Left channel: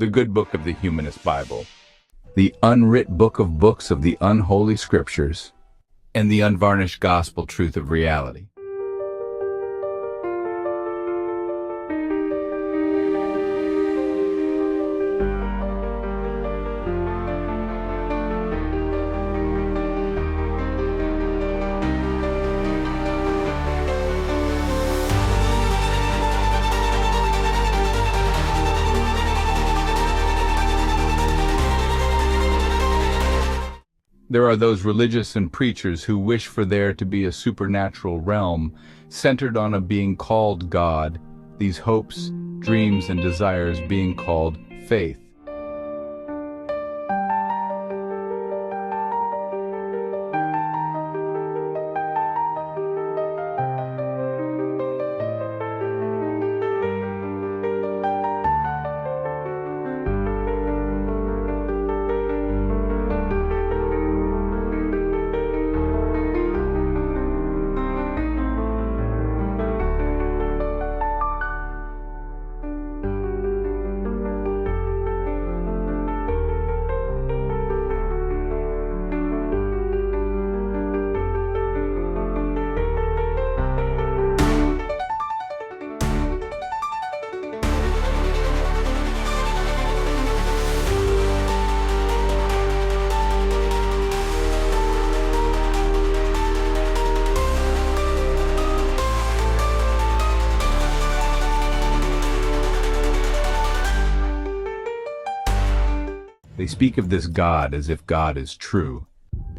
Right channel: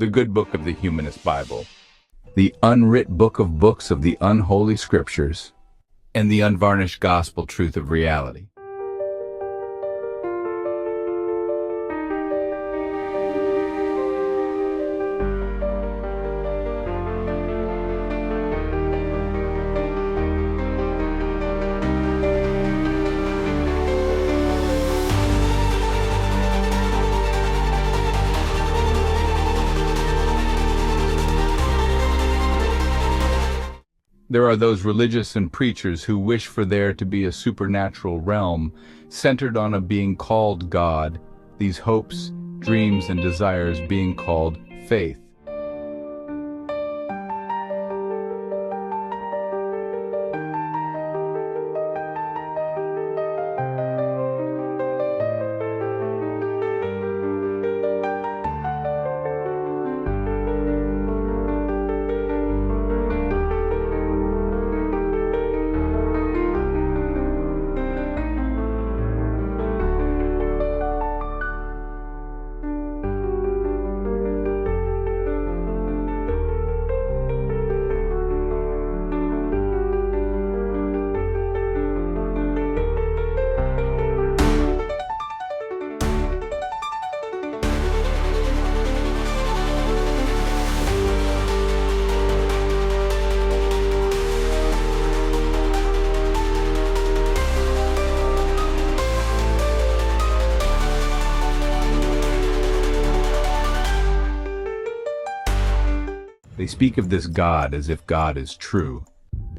the good book of the Humanist Bible, the unwrit book of books of the unholy scriptures, and the unvarnished gospel truth of reality. There are those religious and preachers who wish for there to be a supernatural realm centered on a being called God, these hopes, dreams, and desires being called faith. They speak of this God as if God is true.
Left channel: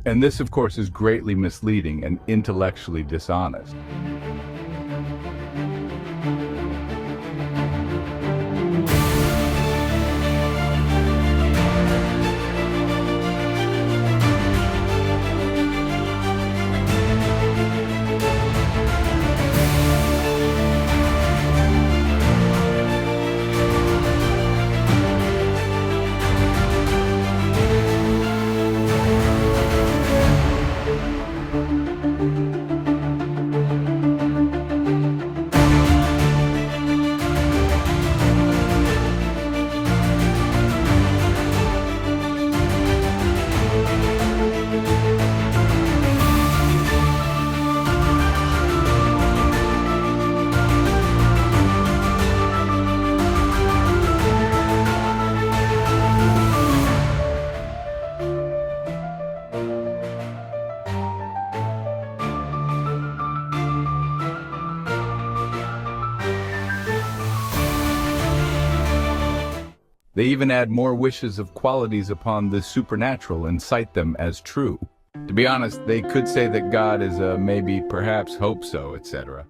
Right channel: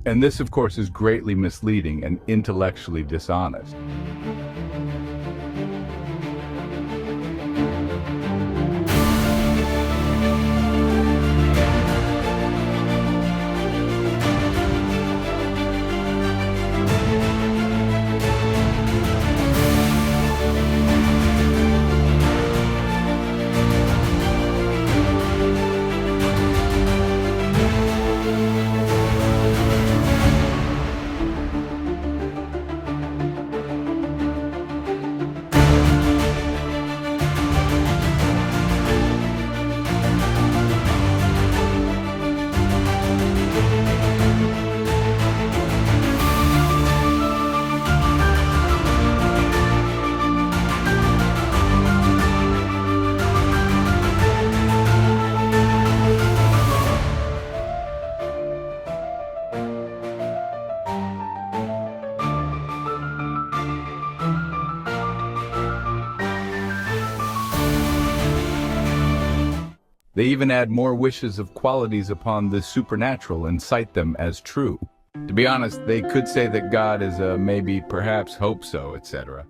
And this, of course, is greatly misleading and intellectually dishonest. They even add more wishes of qualities upon the supernatural and cite them as true. To be honest, they could say that God is a maybe, perhaps, hope so, etc.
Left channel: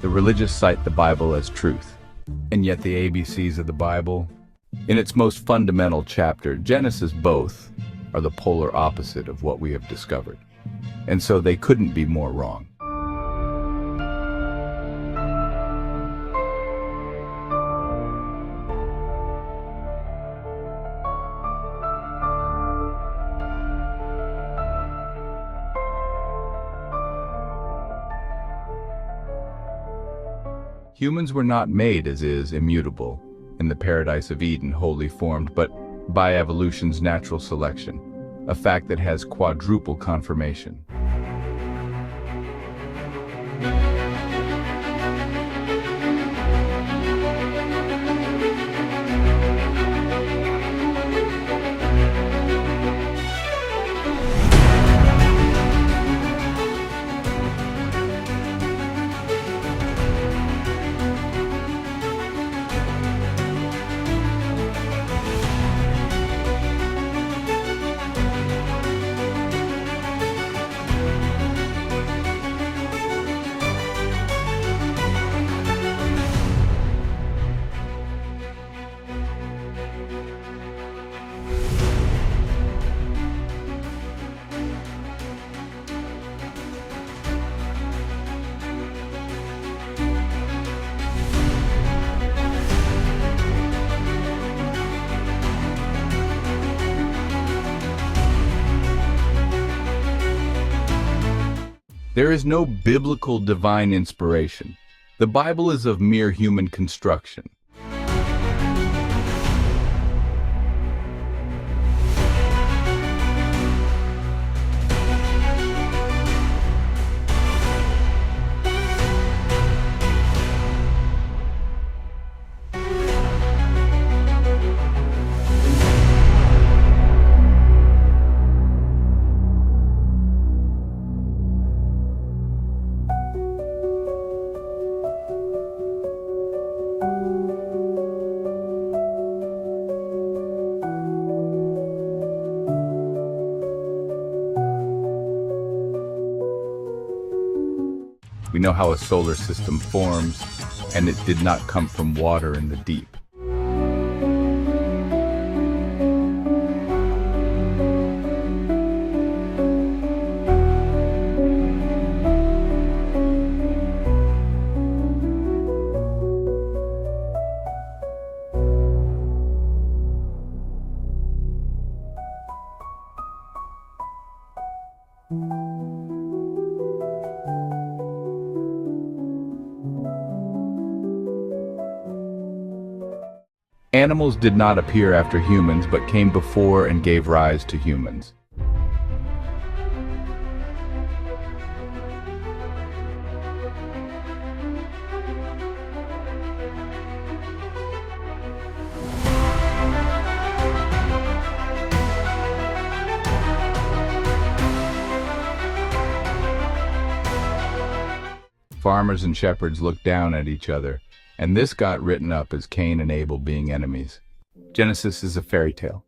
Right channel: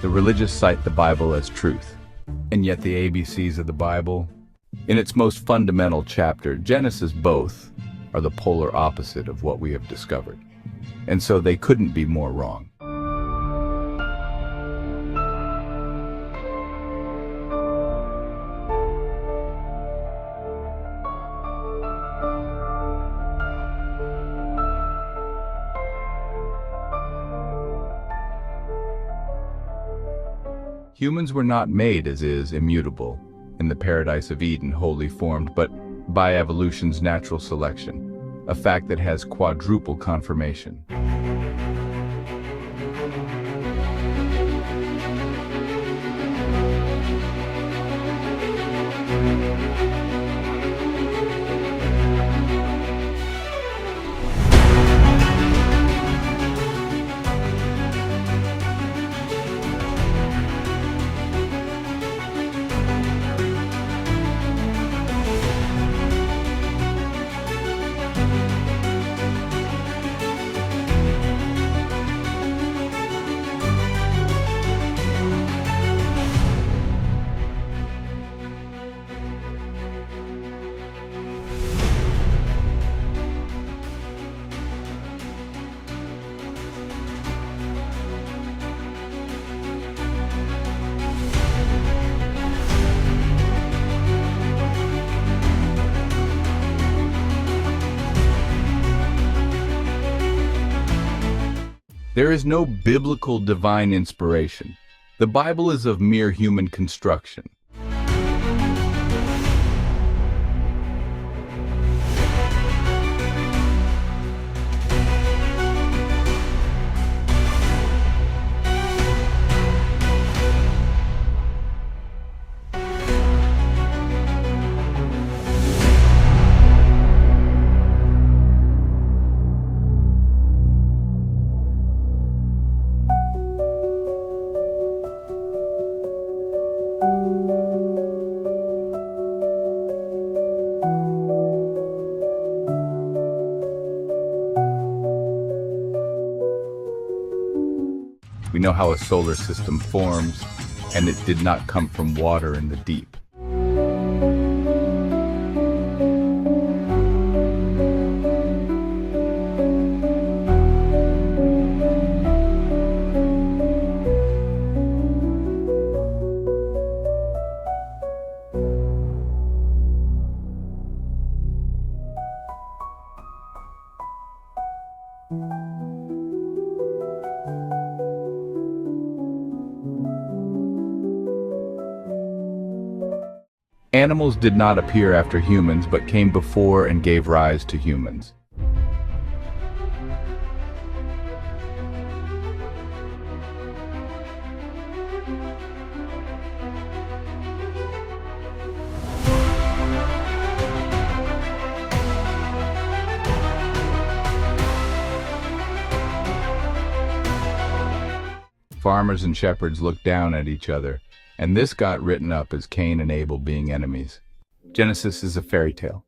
The religious cite the Bible as truth, and yet the ABCs of the Bible, in its most fundamental chapter, Genesis, both are the polar opposite of what we have discovered, and so they couldn't be more wrong. Humans were not made as is, immutable, in the paradise of Eden, wholly formed, but by evolution's natural selection, a fact that has quadruple confirmation. There is no biblical divine inspiration. The Bible is of mere human construction. We know how a solar system forms, and it did not come from water in the deep. Animals did not appear after humans, but came before and gave rise to humans. Farmers and shepherds looked down at each other, and this got written up as Cain and Abel being enemies. Genesis is a fairy tale.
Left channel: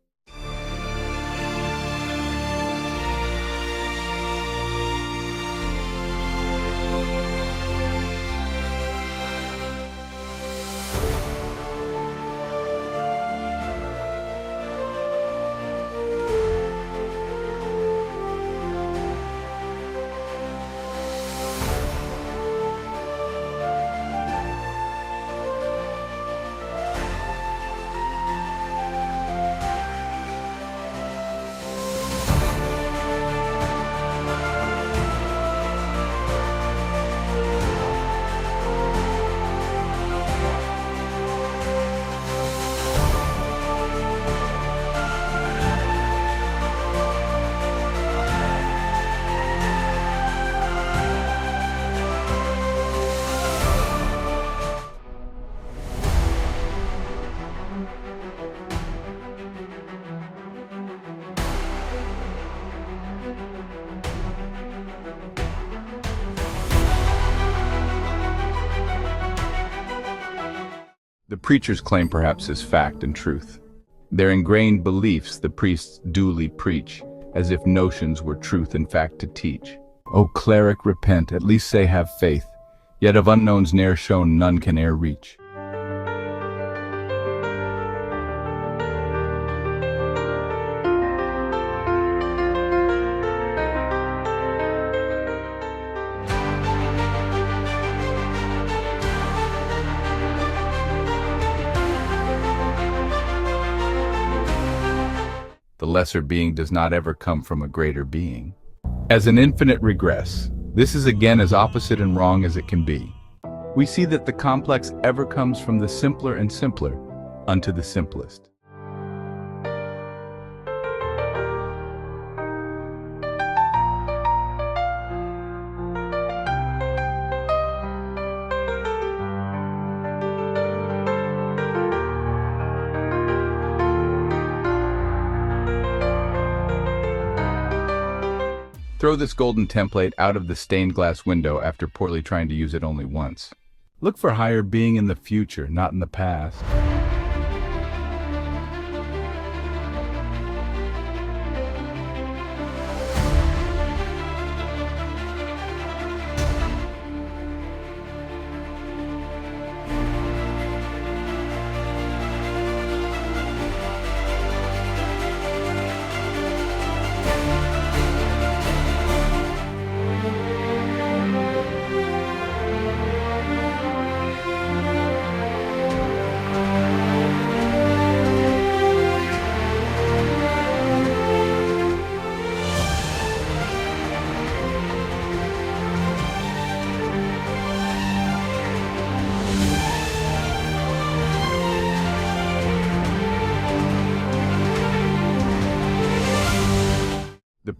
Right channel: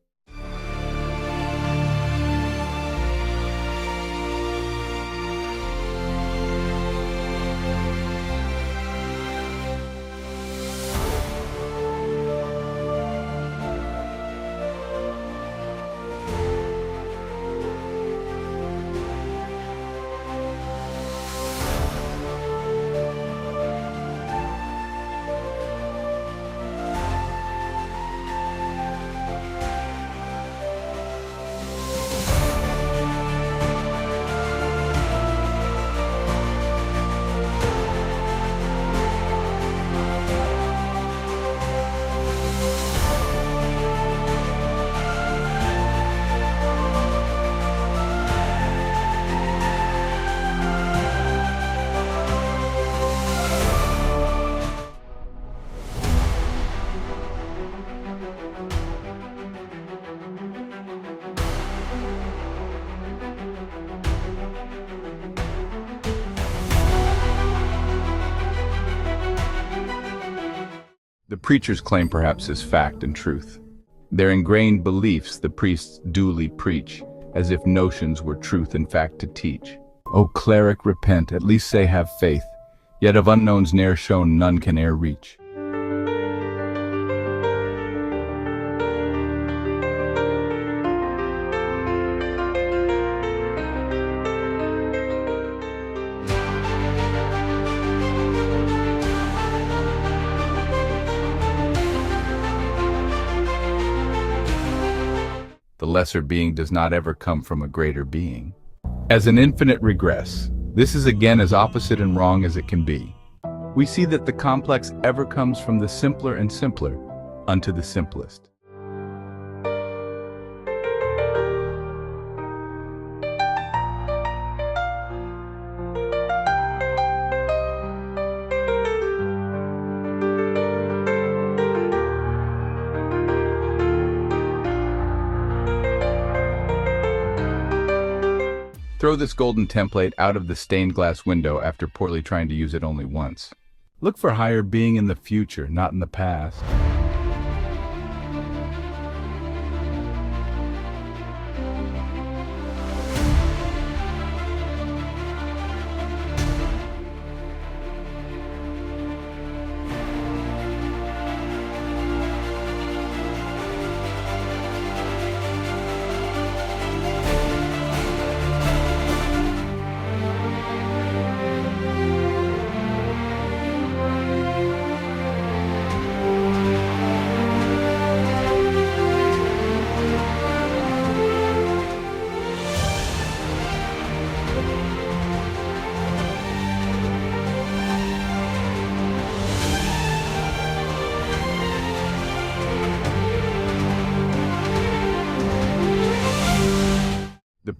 The preacher's claim perhaps is fact and truth. Their ingrained beliefs the priests duly preach, as if notions were truth and fact to teach. O cleric, repent, at least say have faith, yet of unknowns ne'er shown none can e'er reach. The lesser being does not ever come from a greater being. As an infinite regress, this is again as opposite and wrong as it can be. We see that the complex ever comes from the simpler and simpler unto the simplest. Throw this golden template out of the stained glass window after poorly trying to use it only once. Look for higher being in the future, not in the past.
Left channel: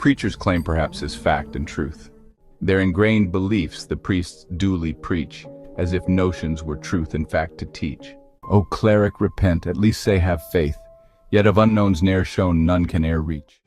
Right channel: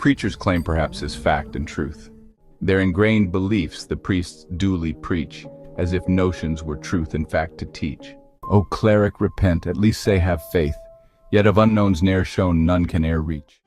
preachers claim perhaps as fact and truth. Their ingrained beliefs the priests duly preach, as if notions were truth and fact to teach. O cleric, repent, at least say have faith, yet of unknowns ne'er shown none can e'er reach.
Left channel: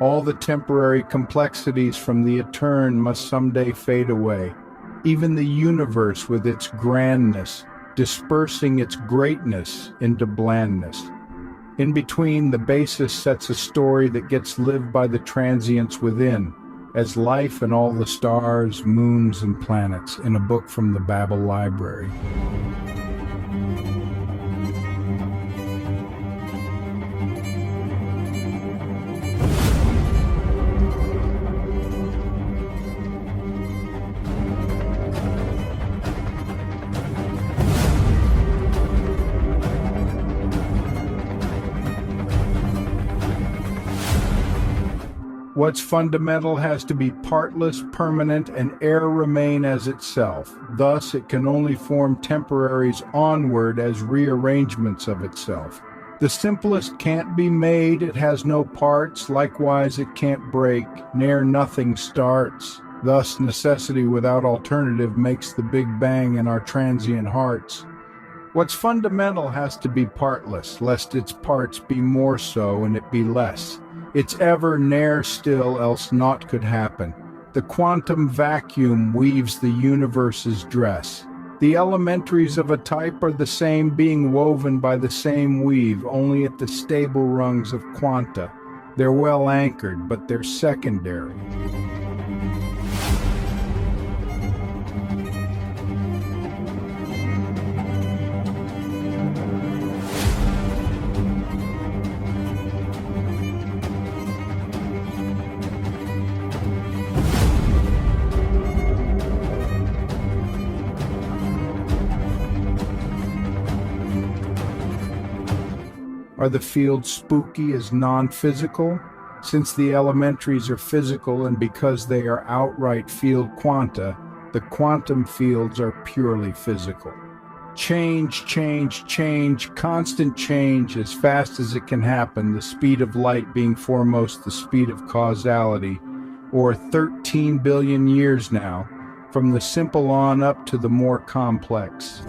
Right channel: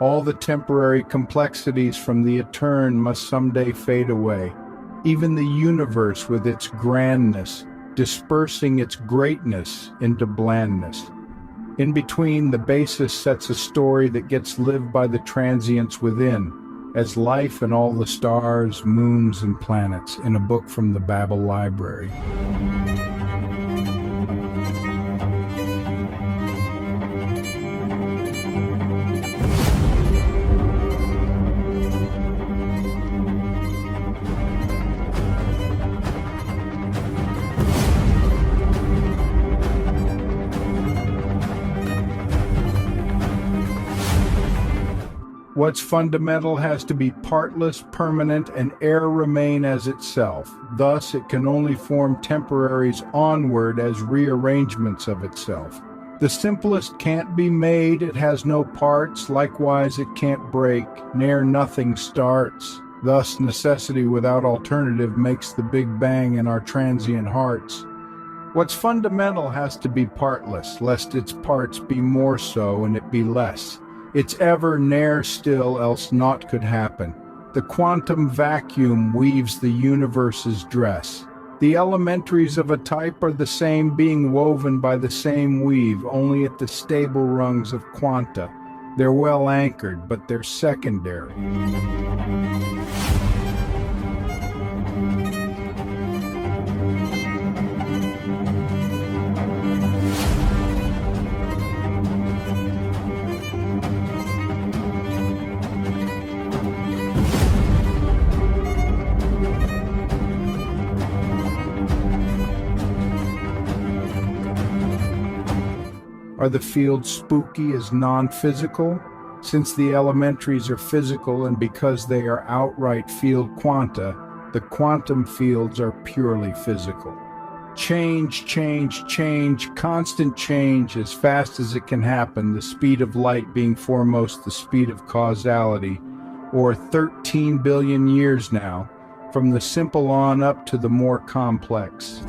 All the temporary complexities from the etern must someday fade away. Even the universe with its grandness, dispersing its greatness into blandness. In between, the basis sets a story that gets lived by the transients within, as life and all the stars, moons, and planets in a book from the Babel Library. What's fundamental has to be partless, permanent, and e'er remain as itself. Thus, it can only form temporaries onward as rearrangements of itself. The simplest can't be made, it has no parts, likewise it can't break, ne'er nothing starts. Thus, necessity without alternative makes the Big Bang in our transient hearts. What's fundamental has to be partless, lest its parts be more so and it be less. It's ever ne'er still, else naught could happen. The quantum vacuum weaves the universe's dress. The elementaries of a type are the same, being woven by the same weave, only at the stable rungs of quanta. They're well anchored, but they're secondary. Are the fields spooky as non-physical? Since the elementaries are physical and because they are outright field quanta, the quantum fields are purely physical. Change, change, change, constant change as fast as it can happen, the speed of light being foremost the speed of causality, or 13 billion years now, from the simple on up to the more complex.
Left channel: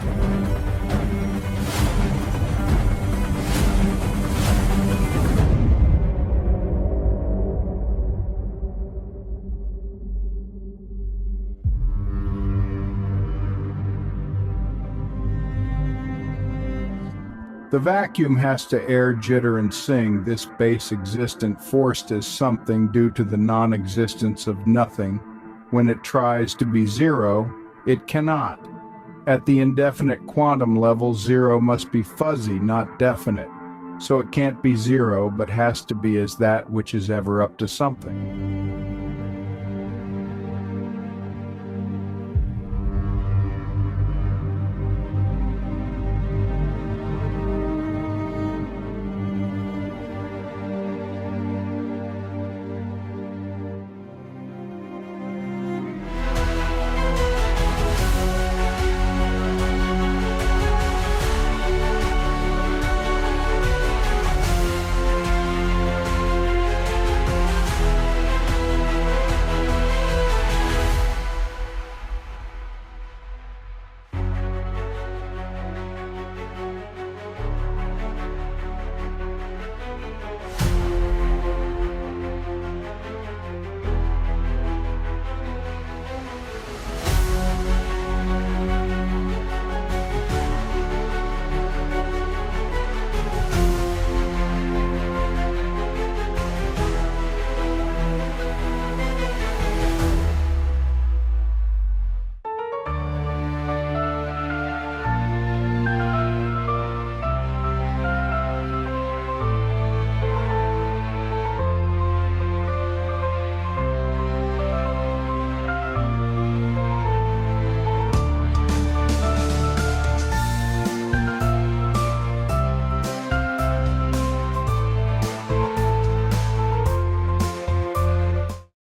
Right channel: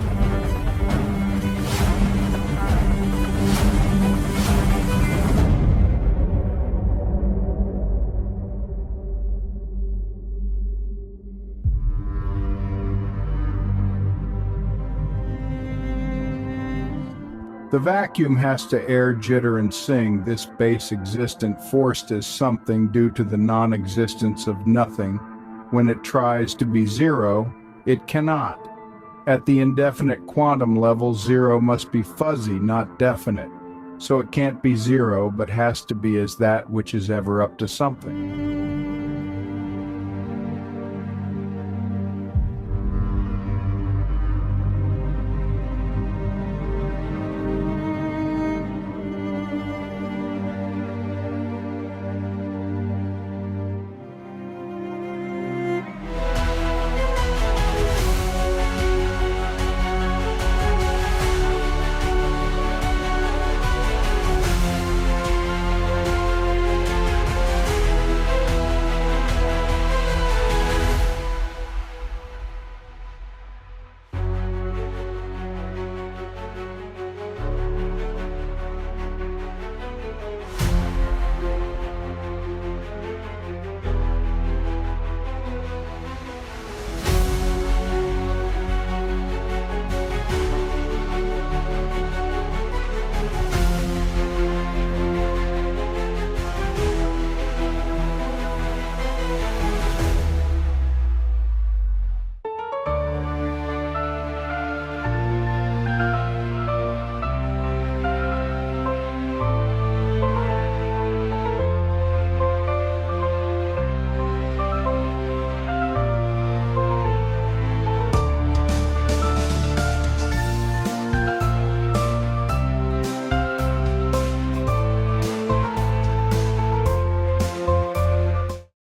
The vacuum has to air, jitter, and sing, this base existent forced as something due to the non-existence of nothing. When it tries to be zero, it cannot. At the indefinite quantum level, zero must be fuzzy, not definite. So it can't be zero, but has to be as that which is ever up to something.